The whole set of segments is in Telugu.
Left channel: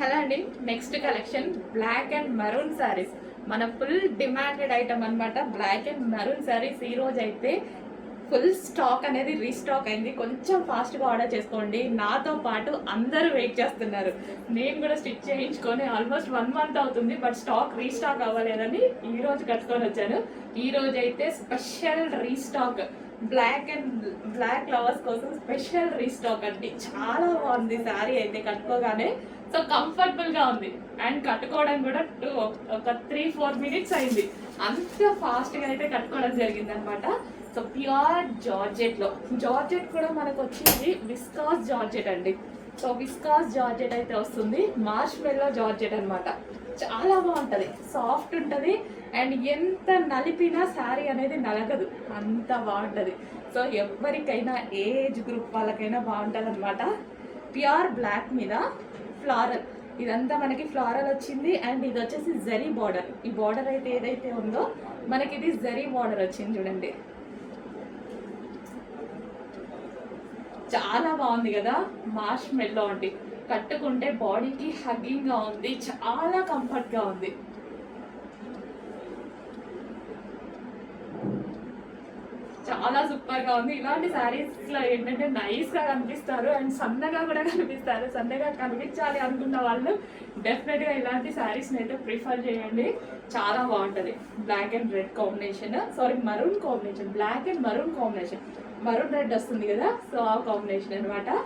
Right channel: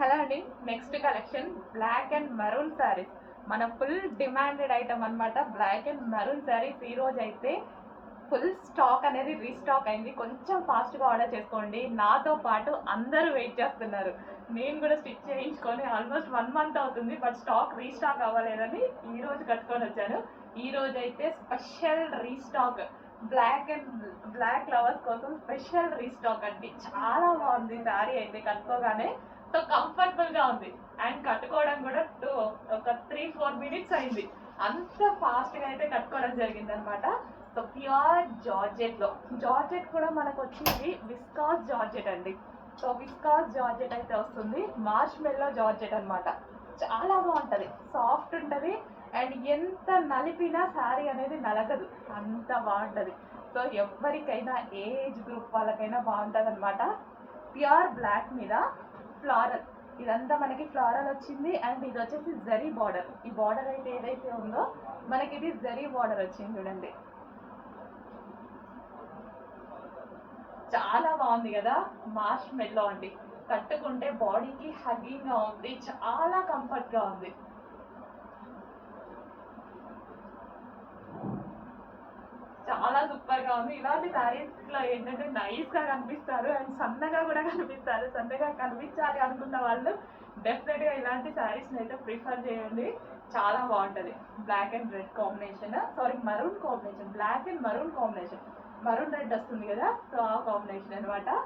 హలో అండి. Next collection black and maroon saris. మన ఫుల్ డిమాండెడ్ ఐటమ్ అనమాట. బ్లాక్ అండ్ మరూన్ శారీస్ ఈ రోజు అయితే ఫుల్ స్టాక్ అనేది రీస్టాక్ అయింది. కొంచెం ఫాస్ట్గా ఆర్డర్ చేసుకోండి. నాతో పాటు అందరూ వెయిట్ చేస్తున్నారు. నేను కూడా స్టిచ్ చేయించుకొని ఆల్మోస్ట్ 1 మంత్ అవుతుంది. బట్ స్టాక్ రీస్టాక్ అవ్వలేదని ఈ రోజు కట్టుకొని వచ్చాను. ఈ రోజు అయితే స్పెషల్ రీస్టాక్ బ్లాక్ లవర్స్ కోసం స్పెషల్ రీస్టాక్ అండి. చాలా బాగుంది శారీ అయితే కట్టుకోగానే. సో కంఫర్టబుల్గా ఉంది అండ్ కట్టుకోవడం కూడా ఒక 3-4 మినిట్స్ అయింది. అంత ఫాస్ట్గా అయితే కట్టుకోవడం జరిగింది అనమాట. సో ప్యూర్ జార్జెట్ కూడా మనకు వచ్చేది విస్కాస్ జార్జెట్ అండి. సో విస్కాస్ జార్జెట్ అయితే వస్తుంది. మార్ష్మెల్లో జార్జెట్ అనమాట. చాలా బాగుంటుంది, సాఫ్ట్ ఉంటుంది అండ్ ఎంత నలిపినా శారీ అనేది నలగదు, అంత బాగుంటుంది. సో ఎవరికైనా ఏజ్ గ్రూప్ వాళ్ళకైనా బాగుంటుంది అనమాట. ప్యూర్ బ్లాక్ మీద ఫ్లారల్, ఇదంతా మనకి ఫ్లారల్ వచ్చింది అండ్ ఇది వచ్చేసి జరీ బార్డర్. ఈ బార్డర్ అయితే ఏదైతే ఉందో మనకి ఇది జరీ బార్డర్ వచ్చింది చూడండి. చాలా బాగుంది కదా. మార్ష్మెల్లో అండి, కట్టుకుంటే బాడీకి హగ్గింగ్గా ఉంది, చాలా కంఫర్ట్గా ఉంది. చాలా సూపర్గా ఉంది. ఇలాంటి శారీస్లో ఏంటంటే నైస్గా కనిపిస్తారు అండ్ సన్నగా కూడా కనిపిస్తారు. సన్నగా కనిపించాలి అనుకున్న వాళ్ళు డెఫినెట్గా ఇలాంటి శారీస్ని అయితే ప్రిఫర్ చేయండి. చాలా బాగుంటుంది. Black and red combination, maroon combination, black and maroon combination, maroon red వస్తుంది కదా. సో ఆ కాంబినేషన్ అనమాట.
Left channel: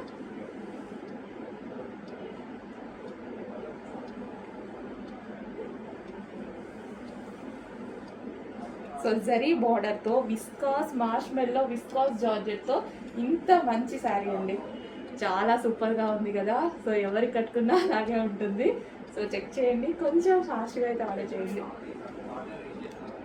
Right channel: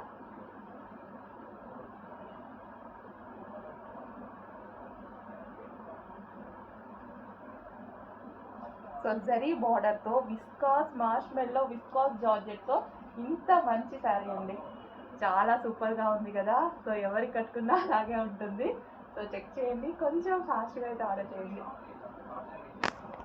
సో జరీ బార్డర్తో విస్కాస్ మార్ష్మెల్లో విస్కాస్ జార్జెట్తో ఇంత మంచి శారీ అండి. చాలా సూపర్గా ఉంది కదా. సో ఎవరికి కట్టుకున్నా అలాగే ఉంటుంది. సో చెక్ చేయండి, కొంచెం ఫాస్ట్గా అయితే ఆర్డర్ చేయండి.